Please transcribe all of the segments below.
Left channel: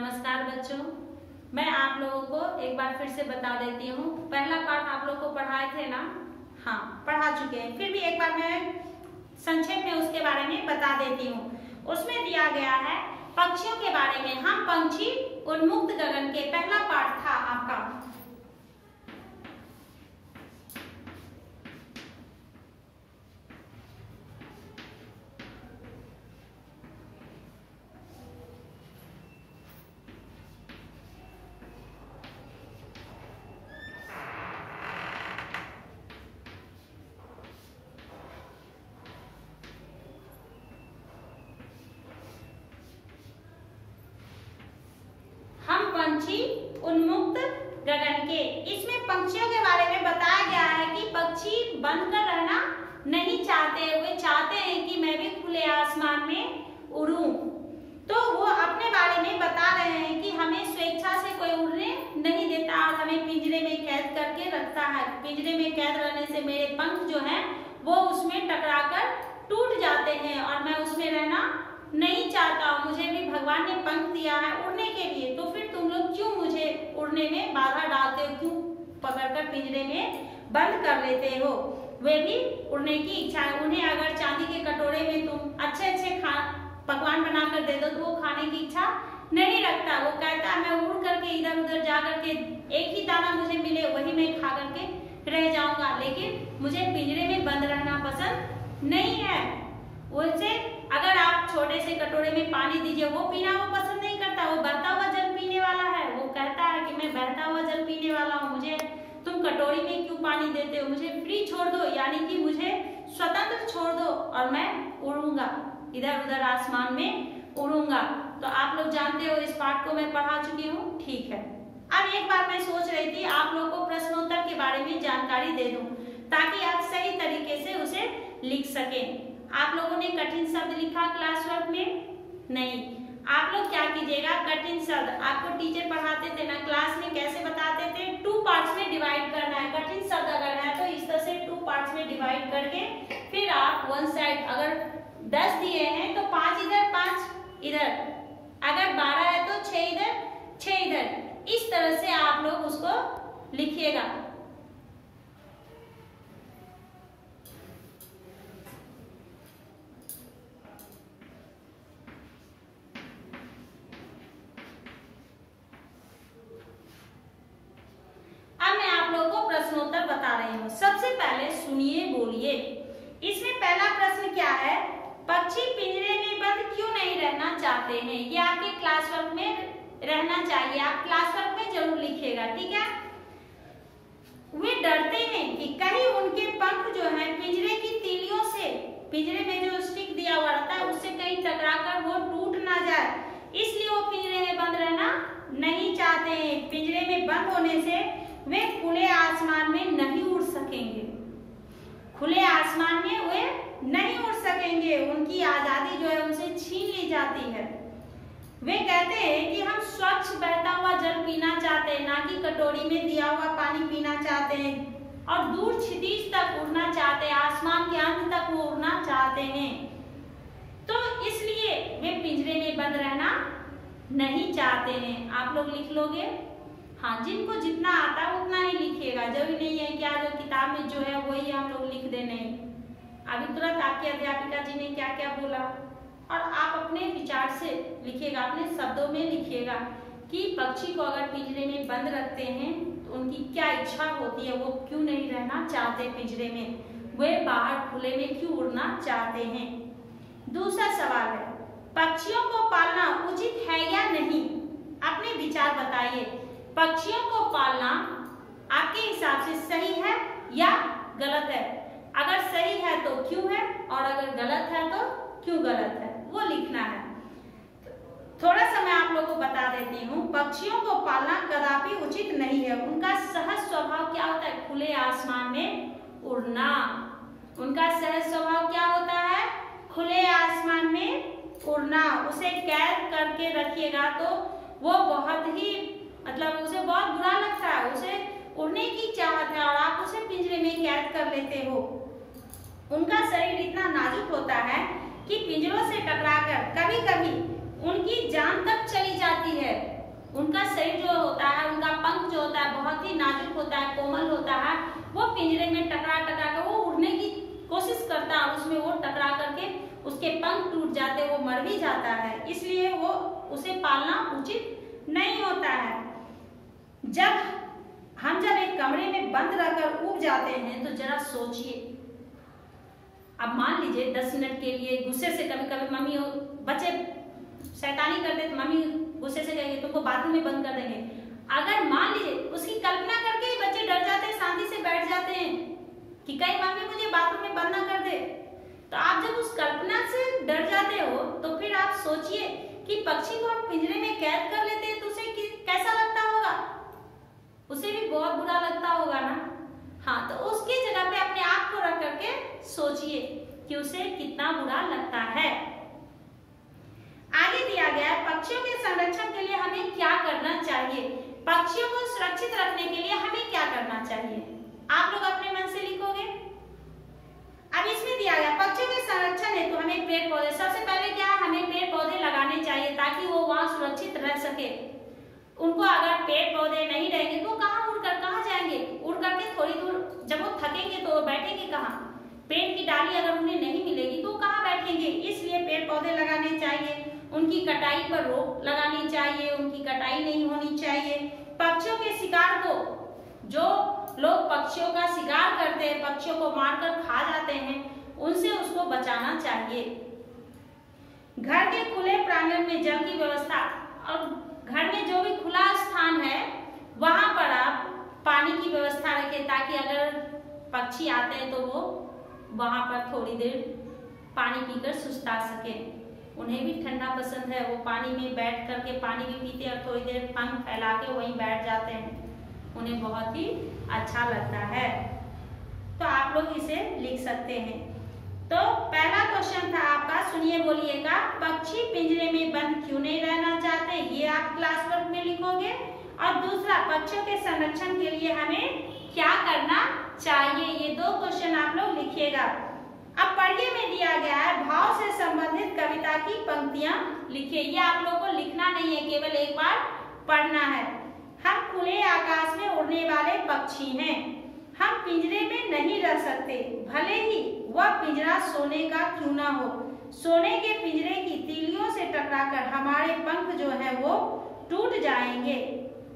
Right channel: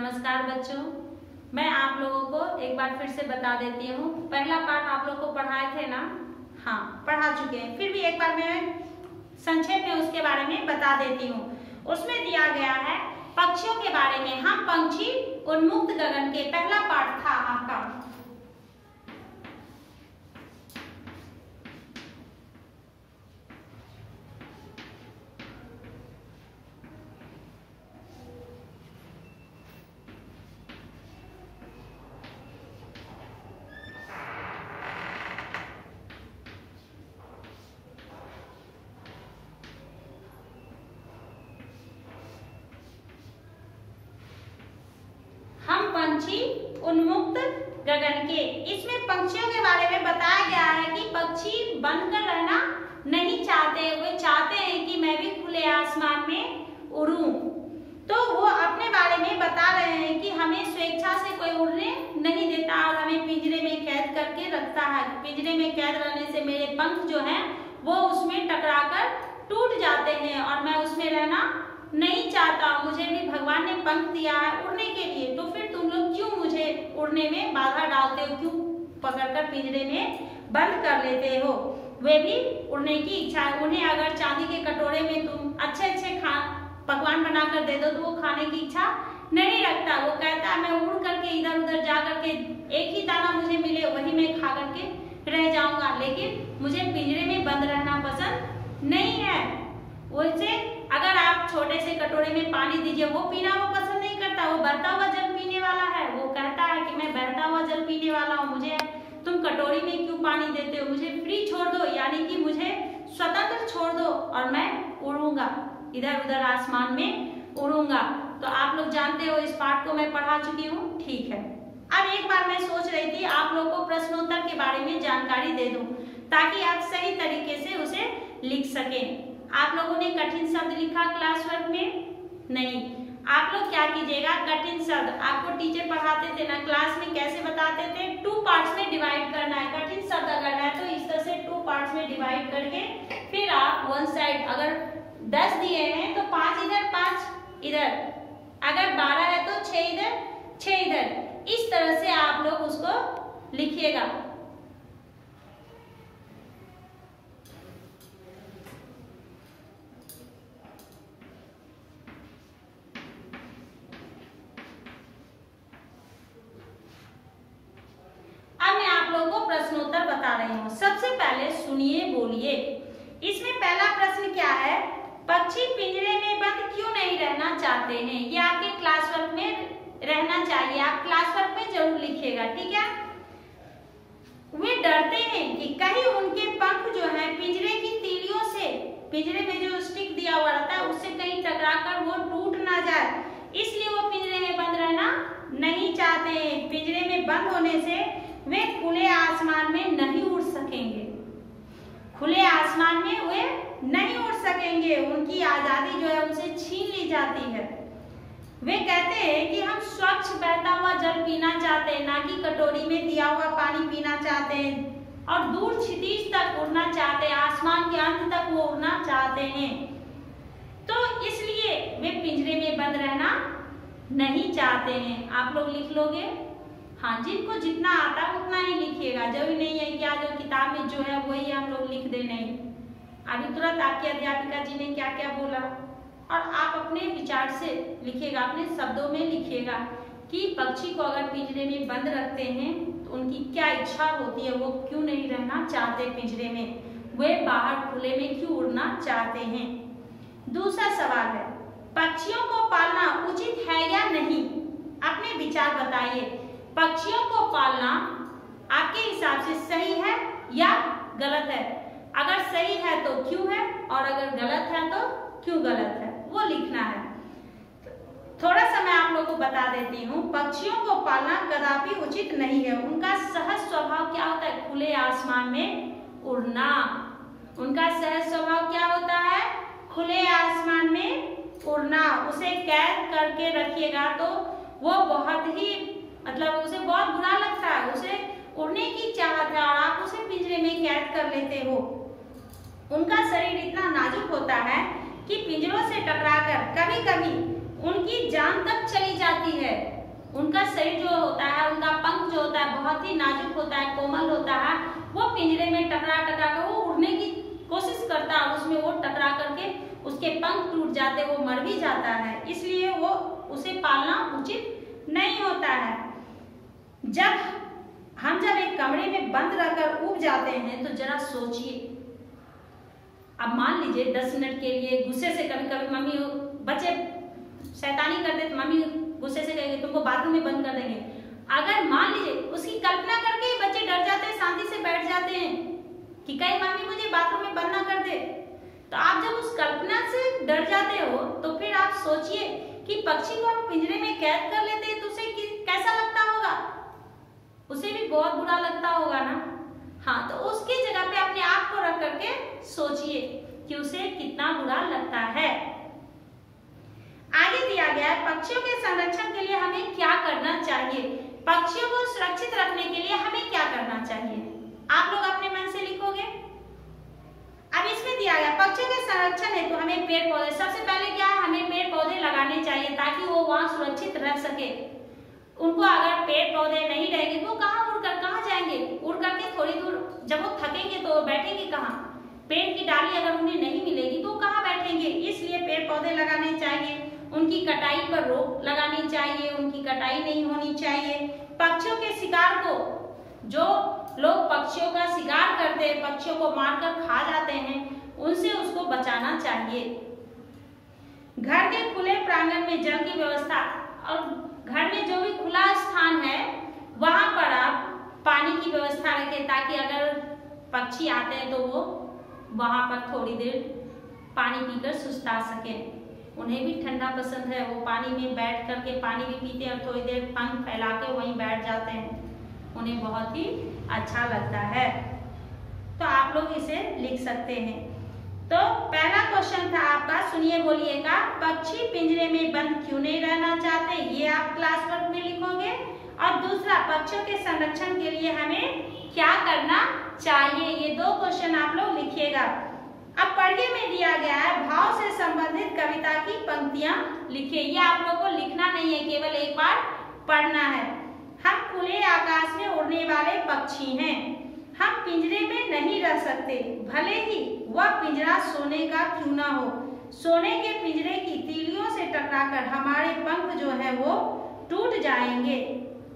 नमस्कार बच्चों, मैं आप लोगों को एक बार फिर से बता देती हूँ। पहला पार्ट आप लोग को पढ़ाए थे ना? हाँ, पढ़ा चुके हैं। फिर भी एक बार मैं संक्षेप में उसके बारे में बता देती हूँ। उसमें दिया गया है पक्षियों के बारे में। हम पंछी उन्मुक्त गगन के पहला पार्ट था आपका। पंछी उन्मुक्त गगन के, इसमें पंछियों के बारे में बताया गया है कि पक्षी बनकर रहना नहीं चाहते। वे चाहते हैं कि मैं भी खुले आसमान में उड़ूं। तो वो अपने बारे में बता रहे हैं कि हमें स्वेच्छा से कोई उड़ने नहीं देता और हमें पिंजरे में कैद करके रखता है। पिंजरे में कैद रहने से मेरे पंख जो हैं वो उसमें टकराकर टूट जाते हैं और मैं उसमें रहना नहीं चाहता। मुझे भी भगवान ने पंख दिया है उड़ने के लिए, तो फिर तुम लोग क्यों मुझे उड़ने में बाधा डालते हो? क्यों पकड़कर पिंजरे में बंद कर लेते हो? वे भी उड़ने की इच्छा है। उन्हें अगर चांदी के कटोरे में तुम अच्छे अच्छे पकवान बनाकर दे दो तो वो खाने की इच्छा नहीं रखता। वो कहता है मैं उड़ करके इधर उधर जा करके एक ही दाना मुझे मिले वही मैं खा करके रह जाऊंगा, लेकिन मुझे पिंजरे में बंद रहना पसंद नहीं है। वैसे अगर आप छोटे से कटोरे में पानी दीजिए, वो पीना वो पसंद नहीं करता। वो बहता हुआ जल पीने वाला है। वो कहता है कि मैं बहता हुआ जल पीने वाला हूँ, मुझे तुम कटोरी में क्यों पानी देते हो? मुझे फ्री छोड़ दो, यानी कि मुझे स्वतंत्र छोड़ दो और मैं उड़ूंगा, इधर उधर आसमान में उड़ूंगा। तो आप लोग जानते हो, इस पाठ को मैं पढ़ा चुकी हूँ। ठीक है, अब एक बार मैं सोच रही थी आप लोग को प्रश्नोत्तर के बारे में जानकारी दे दूं ताकि आप सही तरीके से उसे लिख सकें। आप लोगों ने कठिन शब्द लिखा क्लास वर्क में? नहीं। आप लोग क्या कीजिएगा, कठिन शब्द आपको टीचर पढ़ाते थे ना क्लास में, कैसे बताते थे? 2 पार्ट्स में डिवाइड करना है। कठिन शब्द अगर है तो इस तरह से 2 पार्ट्स में डिवाइड करके फिर आप वन साइड, अगर 10 दिए हैं तो 5 इधर 5 इधर, अगर 12 है तो 6 इधर 6 इधर, इस तरह से आप लोग उसको लिखिएगा। प्रश्नोत्तर बता रही हूँ। सबसे पहले सुनिए, बोलिए। इसमें पहला प्रश्न क्या है? पक्षी पिंजरे में बंद क्यों नहीं रहना चाहते हैं? ये आपके क्लास वर्क में रहना चाहिए। आप क्लास वर्क में जरूर लिखिएगा, ठीक है? वे डरते हैं कि कहीं उनके पंख जो है पिंजरे की तीलियों से, पिंजरे में जो स्टिक दिया हुआ रहता है उससे कहीं टकराकर वो टूट ना जाए, इसलिए वो पिंजरे में बंद रहना नहीं चाहते हैं। पिंजरे में बंद होने से वे खुले आसमान में नहीं उड़ सकेंगे। खुले आसमान में वे नहीं उड़ सकेंगे, उनकी आजादी जो है उनसे छीन ली जाती है। वे कहते हैं कि हम स्वच्छ बहता हुआ जल पीना चाहते हैं, ना कि कटोरी में दिया हुआ पानी पीना चाहते हैं, और दूर क्षितिज तक उड़ना चाहते हैं, आसमान के अंत तक वो उड़ना चाहते हैं। तो इसलिए वे पिंजरे में बंद रहना नहीं चाहते हैं। आप लोग लिख लोगे? हाँ, जिनको जितना आता है उतना ही लिखिएगा। जरूरी नहीं है क्या जो किताब में जो है वही हम लोग लिख दे। नहीं, अभी तुरंत आपकी अध्यापिका जी ने क्या क्या बोला और आप अपने विचार से लिखिएगा, अपने शब्दों में लिखिएगा कि पक्षी को अगर पिंजरे में बंद रखते हैं तो उनकी क्या इच्छा होती है, वो क्यों नहीं रहना चाहते पिंजरे में, वे बाहर खुले में क्यों उड़ना चाहते हैं। दूसरा सवाल है, पक्षियों को पालना उचित है या नहीं? अपने विचार बताइए। पक्षियों को पालना आपके हिसाब से सही है या गलत है? अगर सही है तो क्यों है, और अगर गलत है तो क्यों गलत है, वो लिखना है। थोड़ा सा मैं आप लोगों को बता देती हूँ। पक्षियों को पालना कदापि उचित नहीं है। उनका सहज स्वभाव क्या होता है? खुले आसमान में उड़ना। उनका सहज स्वभाव क्या होता है? खुले आसमान में उड़ना। उसे कैद करके रखिएगा तो वो बहुत ही, मतलब उसे बहुत बुरा लगता है, उसे उड़ने की चाहत है और आप उसे पिंजरे में कैद कर लेते हो। उनका शरीर इतना नाजुक होता है कि पिंजरों से टकराकर कभी कभी उनकी जान तक चली जाती है। उनका शरीर जो होता है, उनका पंख जो होता है बहुत ही नाजुक होता है, कोमल होता है। वो पिंजरे में टकरा कर वो उड़ने की कोशिश करता है, उसमें वो टकरा करके उसके पंख टूट जाते, वो मर भी जाता है। इसलिए वो उसे पालना उचित नहीं होता है। हम जब एक कमरे में बंद रहकर उब जाते हैं तो जरा सोचिए, अब मान लीजिए 10 मिनट के लिए गुस्से से, कभी कभी मम्मी बच्चे शैतानी करते तो मम्मी गुस्से से कहेंगे तुमको बाथरूम में बंद कर देंगे। अगर मान लीजिए उसकी कल्पना करके बच्चे डर जाते हैं, शांति से बैठ जाते हैं कि कहीं मम्मी मुझे बाथरूम में बंद ना कर दे। तो आप जब उस कल्पना से डर जाते हो तो फिर आप सोचिए कि पक्षी को हम पिंजरे में कैद कर लेते हैं तो उसे कैसा लगता होगा? उसे भी बहुत बुरा लगता होगा ना। हाँ, तो उसकी जगह पे अपने आप को रख करके सोचिए कि उसे कितना बुरा लगता है। आगे दिया गया है, पक्षियों के संरक्षण के लिए हमें क्या करना चाहिए? पक्षियों को सुरक्षित रखने के लिए हमें क्या करना चाहिए? आप लोग अपने मन से लिखोगे। अब इसमें दिया गया पक्षियों के संरक्षण है तो हमें पेड़ पौधे, सबसे पहले क्या है, हमें पेड़ पौधे लगाने चाहिए ताकि वो वहां सुरक्षित रह सके। उनको अगर पेड़ पौधे नहीं रहेंगे तो कहाँ जाएंगे? उड़ करके थोड़ी दूर जब वो थकेंगे तो बैठेंगे कहाँ? पेड़ की डाली अगर उन्हें नहीं मिलेगी तो कहाँ बैठेंगे? इसलिए पेड़ पौधे लगाने चाहिए। उनकी कटाई पर रोक लगानी चाहिए, उनकी कटाई नहीं होनी चाहिए। पक्षियों के शिकार को, जो लोग पक्षियों का शिकार करते हैं, पक्षियों को मारकर खा जाते हैं, उनसे उसको बचाना चाहिए। घर के खुले प्रांगण में जल की व्यवस्था, और घर में जो भी खुला स्थान है वहां पर आप पानी की व्यवस्था रखें ताकि अगर पक्षी आते हैं तो वो वहां पर थोड़ी देर पानी पीकर सुस्ता सके। उन्हें भी ठंडा पसंद है, वो पानी में बैठ करके पानी भी पीते हैं और थोड़ी देर पंख फैला के वहीं बैठ जाते हैं, उन्हें बहुत ही अच्छा लगता है। तो आप लोग इसे लिख सकते हैं। तो पहला क्वेश्चन था आपका, सुनिए बोलिएगा, पक्षी पिंजरे में बंद क्यों नहीं रहना चाहते? ये आप क्लास वर्क में लिखोगे। और दूसरा, पक्षियों के संरक्षण के लिए हमें क्या करना चाहिए? ये 2 क्वेश्चन आप लोग लिखिएगा। अब पढ़िए में दिया गया है, भाव से संबंधित कविता की पंक्तियां लिखिए। ये आप लोग को लिखना नहीं है, केवल एक बार पढ़ना है। हम खुले आकाश में उड़ने वाले पक्षी हैं, हम पिंजरे में नहीं रह सकते, भले ही वह पिंजरा सोने का क्यों ना हो। सोने के पिंजरे की तीलियों से टकराकर हमारे पंख जो है वो टूट जाएंगे।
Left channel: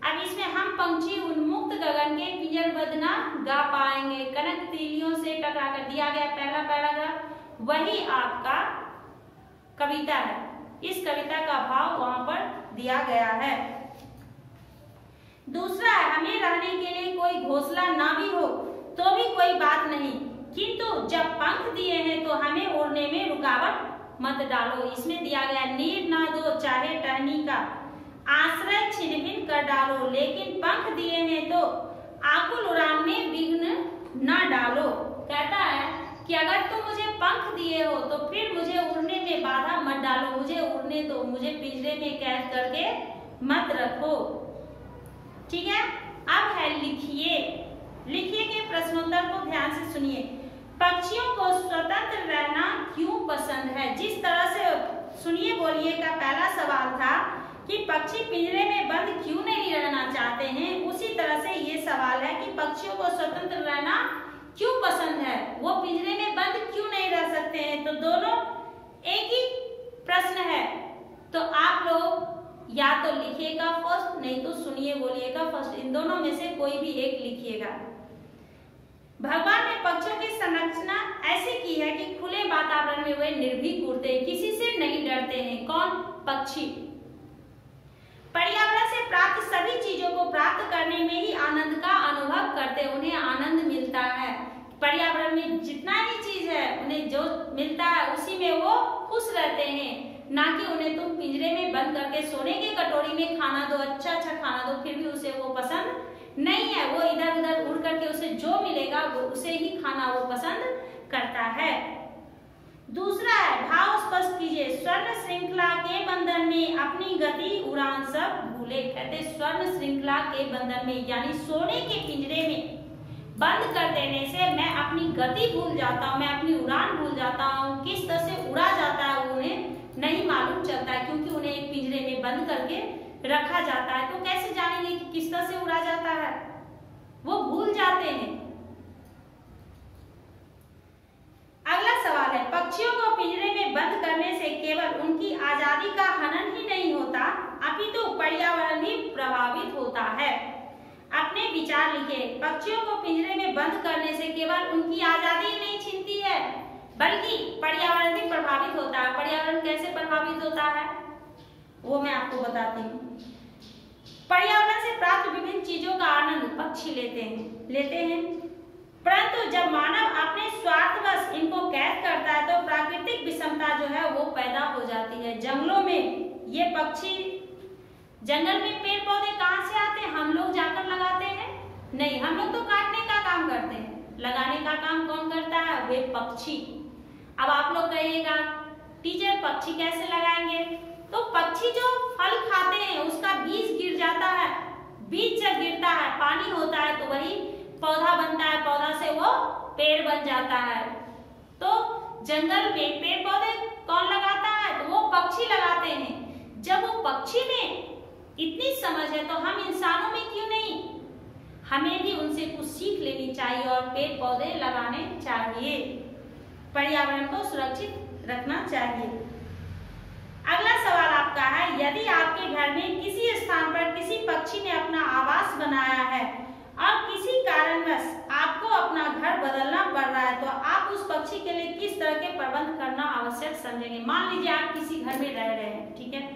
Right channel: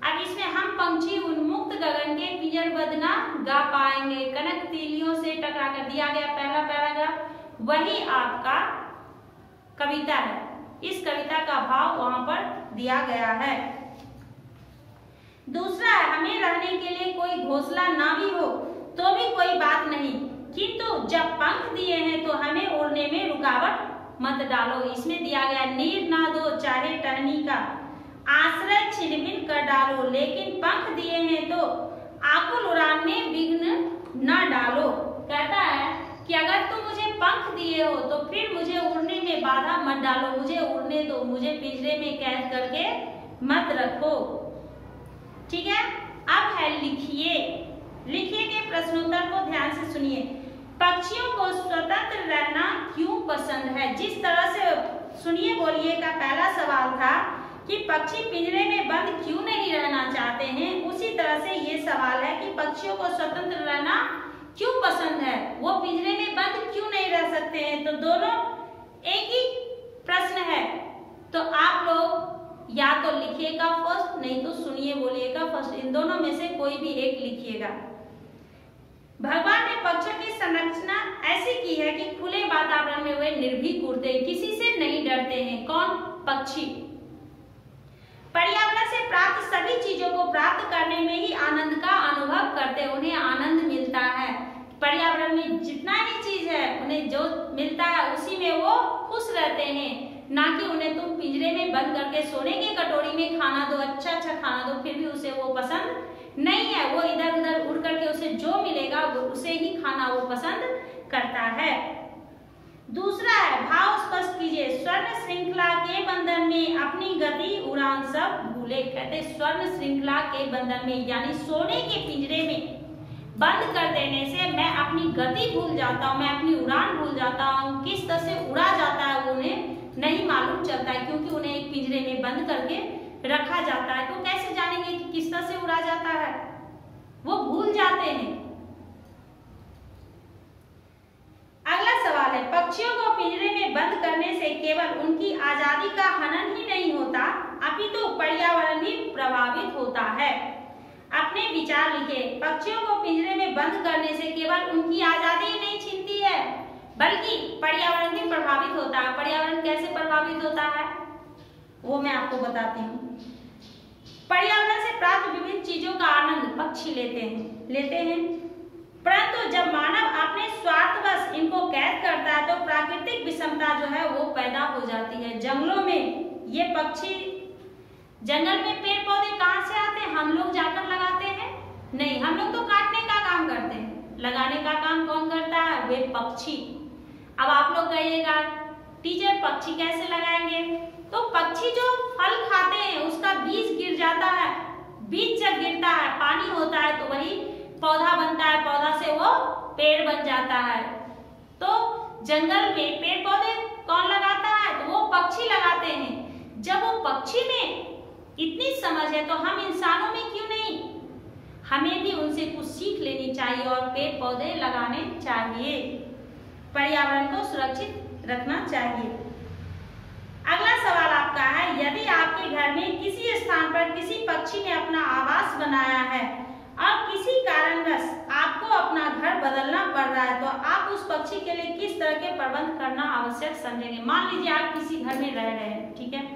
अब इसमें हम पंछी उन्मुक्त गगन के पिंजरबद्ध ना गा पाएंगे। कनक तीलियों से टकराकर दिया गया पहला पैराग्राफ, वही आपका कविता है। इस कविता का भाव वहां पर दिया गया है। दूसरा है, हमें रहने के लिए कोई घोंसला ना भी हो तो भी कोई बात नहीं, किंतु जब पंख दिए हैं तो हमें उड़ने में रुकावट मत डालो। इसमें दिया गया, नीड ना दो चाहे टहनी का, आश्रय छिन-भिन कर डालो, लेकिन पंख दिए हैं तो आकुल उड़ान में विघ्न न डालो। कहता है कि अगर तुम मुझे पंख दिए हो तो फिर मुझे उड़ने में बाधा मत डालो, मुझे उड़ने दो, मुझे पिंजरे में कैद करके मत रखो। ठीक है, अब है लिखिए। लिखिए के प्रश्नोत्तर को ध्यान से सुनिए। पक्षियों को स्वतंत्र रहना क्यों पसंद है? जिस तरह से सुनिए बोलिए का पहला सवाल था कि पक्षी पिंजरे में बंद क्यों नहीं रहना चाहते हैं, उसी तरह से ये सवाल है कि पक्षियों को स्वतंत्र रहना क्यों पसंद है, वो पिंजरे में बंद क्यों नहीं रह सकते हैं। तो दोनों एक ही प्रश्न है। तो आप लोग या तो लिखिएगा फर्स्ट, नहीं तो सुनिए बोलिएगा फर्स्ट, इन दोनों में से कोई भी एक लिखिएगा। भगवान ने पक्षियों की संरचना ऐसी की है कि खुले वातावरण में वे निर्भीक उड़ते हैं, किसी से नहीं डरते हैं। कौन? पक्षी। पर्यावरण से प्राप्त सभी चीजों को प्राप्त करने में ही आनंद का अनुभव करते हैं, उन्हें आनंद मिलता है। पर्यावरण में जितना ही चीज है उन्हें जो मिलता है उसी में वो खुश रहते हैं, ना कि उन्हें तुम पिंजरे में बंद करके सोने की कटोरी में खाना दो, अच्छा अच्छा खाना दो, फिर भी उसे वो पसंद नहीं है। वो इधर उधर उड़ करके उसे जो मिलेगा वो उसे ही खाना वो पसंद करता है। दूसरा है, भाव स्पष्ट कीजिए। स्वर्ण श्रृंखला के बंधन में अपनी गति उड़ान सब भूले। कहते स्वर्ण श्रृंखला के बंधन में यानी सोने के पिंजरे में बंद कर देने से मैं अपनी गति भूल जाता हूँ, मैं अपनी उड़ान भूल जाता हूँ, किस तरह से उड़ा जाता है वो उन्हें नहीं मालूम चलता है, क्योंकि उन्हें एक पिंजरे में बंद करके रखा जाता है। तो कैसे जानेंगे कि किस तरह से उड़ा जाता है, वो भूल जाते हैं। अगला सवाल है, पक्षियों को पिंजरे में बंद करने से केवल उनकी आजादी का हनन ही नहीं होता, अपितु पर्यावरण भी प्रभावित होता है। अपने विचार लिखे। पक्षियों को पिंजरे में बंद करने से केवल उनकी आजादी ही नहीं छीनती है, बल्कि पर्यावरण भी प्रभावित होता है। पर्यावरण कैसे प्रभावित होता है वो मैं आपको बताती हूँ। पर्यावरण से प्राप्त विभिन्न चीजों का आनंद पक्षी लेते हैं, परंतु जब मानव अपने स्वार्थवश इनको कैद करता है तो प्राकृतिक विषमता जो है वो पैदा हो जाती है। जंगलों में ये पक्षी, जंगल में पेड़ पौधे कहाँ से आते हैं, हम लोग जाकर लगाते हैं? नहीं, हम लोग तो काटने का काम करते हैं, लगाने का काम कौन करता है? वे पक्षी। अब आप लोग कहिएगा टीचर पक्षी कैसे लगाएंगे? तो पक्षी जो फल खाते हैं उसका बीज गिर जाता है, बीज जब गिरता है पानी होता है तो वही पौधा बनता है, पौधा से वो पेड़ बन जाता है। तो जंगल में पेड़ पौधे कौन लगाता है? तो वो पक्षी लगाते हैं। जब वो पक्षी में इतनी समझ है तो हम इंसानों में क्यों नहीं? हमें भी उनसे कुछ सीख लेनी चाहिए और पेड़ पौधे लगाने चाहिए, पर्यावरण को सुरक्षित रखना चाहिए। अगला सवाल आपका है, यदि आपके घर में किसी स्थान पर किसी पक्षी ने अपना आवास बनाया है और किसी कारणवश आपको अपना घर बदलना पड़ रहा है, तो आप उस पक्षी के लिए किस तरह के प्रबंध करना आवश्यक समझेंगे? मान लीजिए आप किसी घर में रह रहे हैं, ठीक है,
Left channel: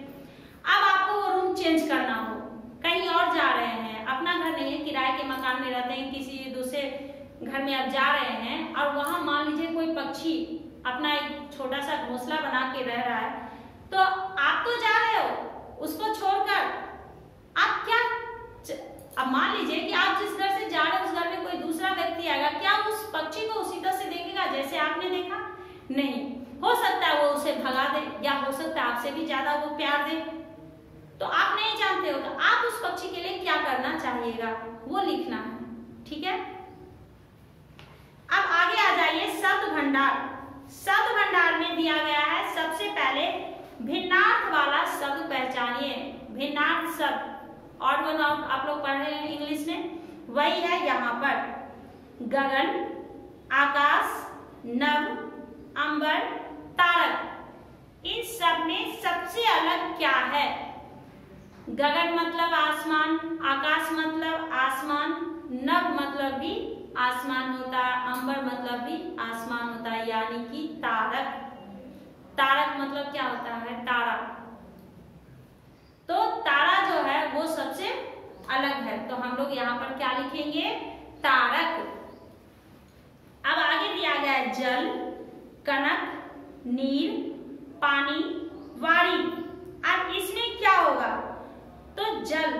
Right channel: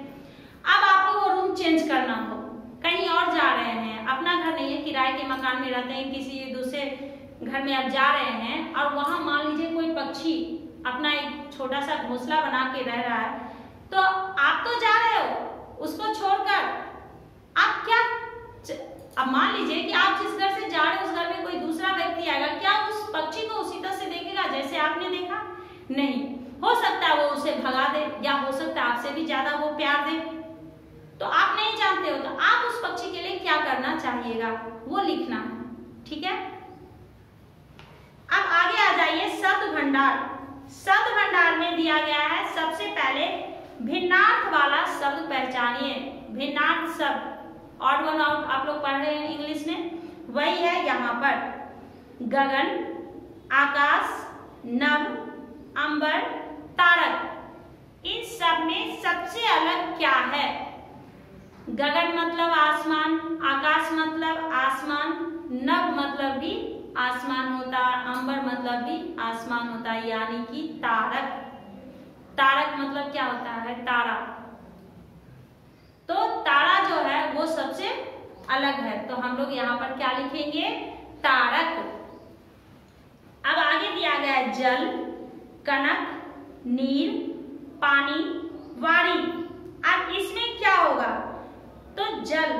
अब आपको वो रूम चेंज करना हो, कहीं और जा रहे हैं, अपना घर नहीं है, किराए के मकान में रहते हैं, किसी दूसरे घर में आप जा रहे हैं और वहां मान लीजिए कोई पक्षी अपना एक छोटा सा घोंसला बना के रह रहा है, तो आप तो जा रहे हो, उसको छोड़कर आप क्या, अब मान लीजिए कि आप जिस घर से जा रहे हो उस घर में कोई दूसरा व्यक्ति आएगा, क्या उस पक्षी को उसी तरह से देखेगा जैसे आपने देखा? नहीं, हो सकता है वो उसे भगा दे, या हो सकता है आपसे भी ज्यादा वो प्यार दे, तो आप नहीं जानते हो, तो आप उस पक्षी के लिए क्या करना चाहिएगा वो लिखना है, ठीक है। अब आगे आ जाइए शब्द भंडार। शब्द भंडार में दिया गया है, सबसे पहले भिन्नार्थ वाला शब्द पहचानिए। भिन्नार्थ शब्द ऑड वन आउट आप लोग पढ़ रहे हैं इंग्लिश में, वही है यहाँ पर। गगन, आकाश, नभ, अंबर, तारक, इन सब में सबसे अलग क्या है? गगन मतलब आसमान, आकाश मतलब आसमान, नभ मतलब भी आसमान होता है, अंबर मतलब भी आसमान होता है, यानी कि तारक। तारक मतलब क्या होता है? तारा। तो तारा जो है वो सबसे अलग है, तो हम लोग यहाँ पर क्या लिखेंगे? तारक। अब आगे दिया गया है जल, कनक, नीर, पानी, वारी। अब इसमें क्या होगा? तो जल,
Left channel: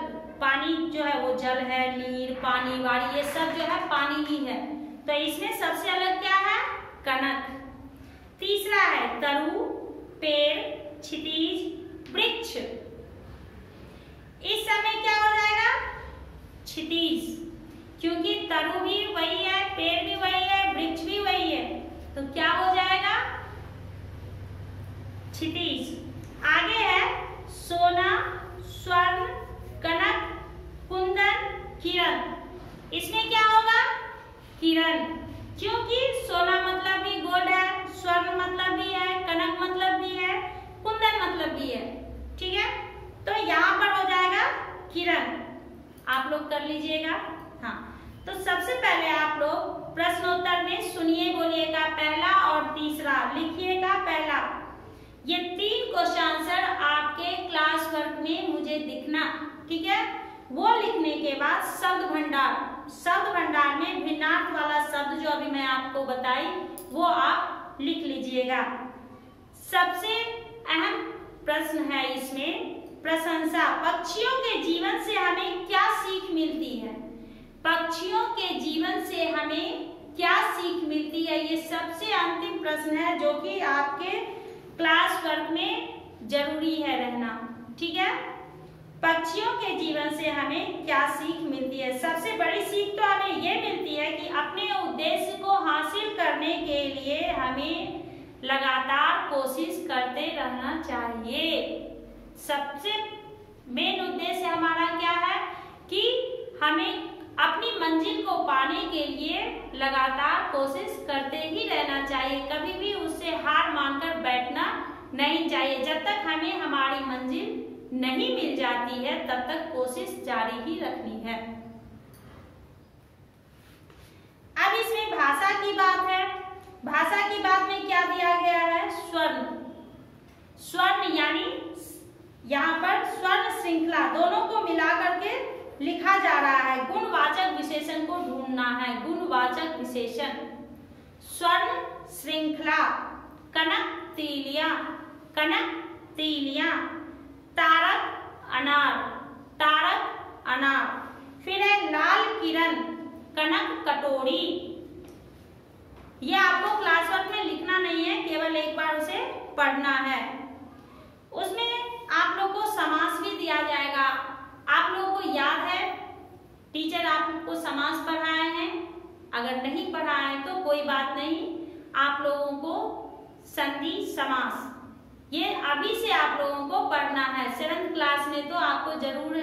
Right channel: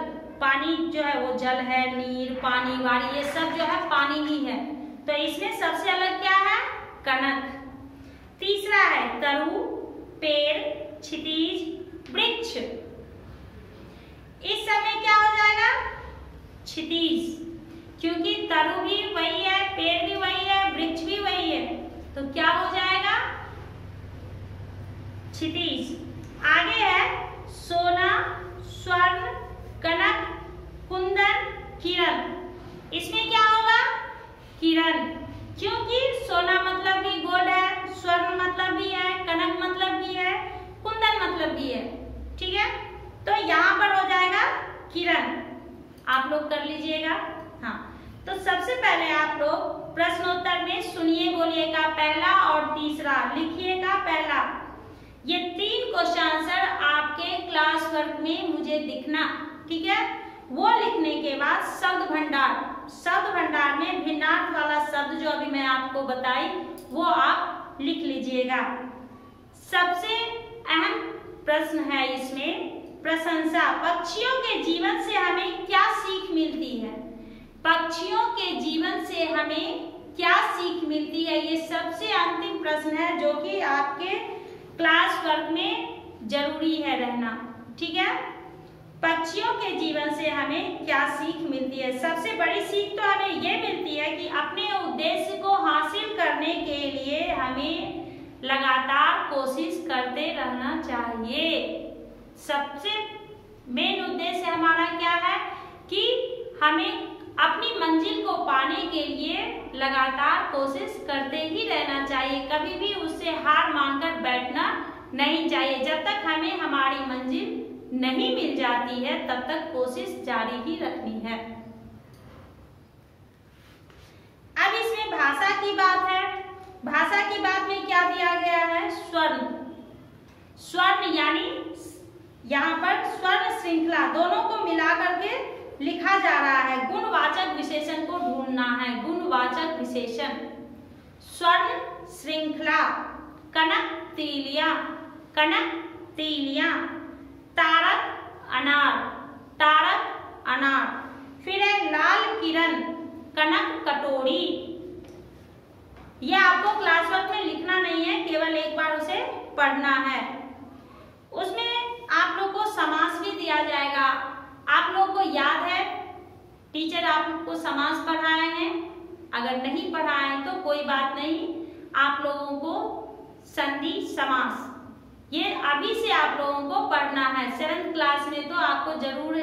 पानी जो है वो जल है, नीर, पानी, वारी, ये सब जो है पानी ही है, तो इसमें सबसे अलग क्या है? कनक। तीसरा है तरु, पेड़, क्षितिज, वृक्ष। इस समय क्या हो जाएगा? क्षितिज, क्योंकि तरु भी वही है, पेड़ भी वही है, वृक्ष भी वही है, तो क्या हो जाएगा? क्षितिज। आगे है सोना, स्वर्ण, कनक, कुंदन, किरण। इसमें क्या होगा? किरण, क्योंकि सोना मतलब भी गोल्ड है, स्वर्ण मतलब भी है, कनक मतलब भी है, कुंदन मतलब भी है, ठीक है, तो यहाँ पर हो जाएगा किरण। आप लोग कर लीजिएगा। हाँ, तो सबसे पहले आप लोग प्रश्नोत्तर में सुनिए बोलिए का पहला और तीसरा, लिखिए का पहला, ये 3 क्वेश्चन आंसर आपके क्लास वर्क में मुझे दिखना, ठीक है। वो लिखने के बाद शब्द भंडार, शब्द भंडार में भिन्नार्थ वाला शब्द जो अभी मैं आपको बताई वो आप लिख लीजिएगा। सबसे अहम प्रश्न है इसमें प्रशंसा। पक्षियों के जीवन से हमें क्या सीख मिलती है? पक्षियों के जीवन से हमें क्या सीख मिलती है, ये सबसे अंतिम प्रश्न है जो कि आपके क्लास वर्क में जरूरी है रहना, ठीक है। पक्षियों के जीवन से हमें क्या सीख मिलती है? सबसे बड़ी सीख तो हमें ये मिलती है कि अपने उद्देश्य को हासिल करने के लिए हमें लगातार कोशिश करते रहना चाहिए। सबसे मेन उद्देश्य हमारा क्या है कि हमें अपनी मंजिल को पाने के लिए लगातार कोशिश करते ही रहना चाहिए। कभी भी उससे हार मानकर बैठना नहीं चाहिए। जब तक हमें हमारी मंजिल नहीं मिल जाती है तब तक कोशिश जारी ही रखनी है। अब इसमें भाषा की बात है। भाषा की बात में क्या दिया गया है? स्वर्ण। स्वर्ण यानी यहाँ पर स्वर्ण श्रृंखला दोनों को मिला करके लिखा जा रहा है। गुणवाचक विशेषण को ढूंढना है। गुणवाचक विशेषण। स्वर्ण श्रृंखला, कनक तीलियां, कनक तीलियां, तारक अनार, तारक अनार। फिर है लाल किरण, कनक कटोरी। यह आपको क्लास वर्क में लिखना नहीं है, केवल एक बार उसे पढ़ना है। उसमें आप लोग को समास भी दिया जाएगा। आप लोगों को याद है टीचर आपको समास पढ़ाए हैं? अगर नहीं पढ़ाए हैं तो कोई बात नहीं, आप लोगों को संधि समास ये अभी से आप लोगों को पढ़ना है। 7th क्लास में तो आपको जरूर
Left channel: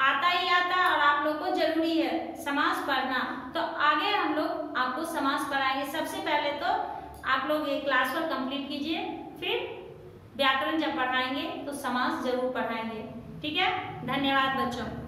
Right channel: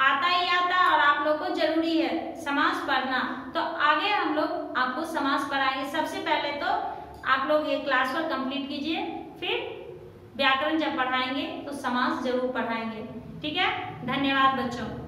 आता ही आता और आप लोग को जरूरी है समास पढ़ना। तो आगे हम लोग आपको समास पढ़ाएंगे। सबसे पहले तो आप लोग ये क्लास वर्क कंप्लीट कीजिए, फिर व्याकरण जब पढ़ाएंगे तो समास जरूर पढ़ाएंगे। ठीक है, धन्यवाद बच्चों।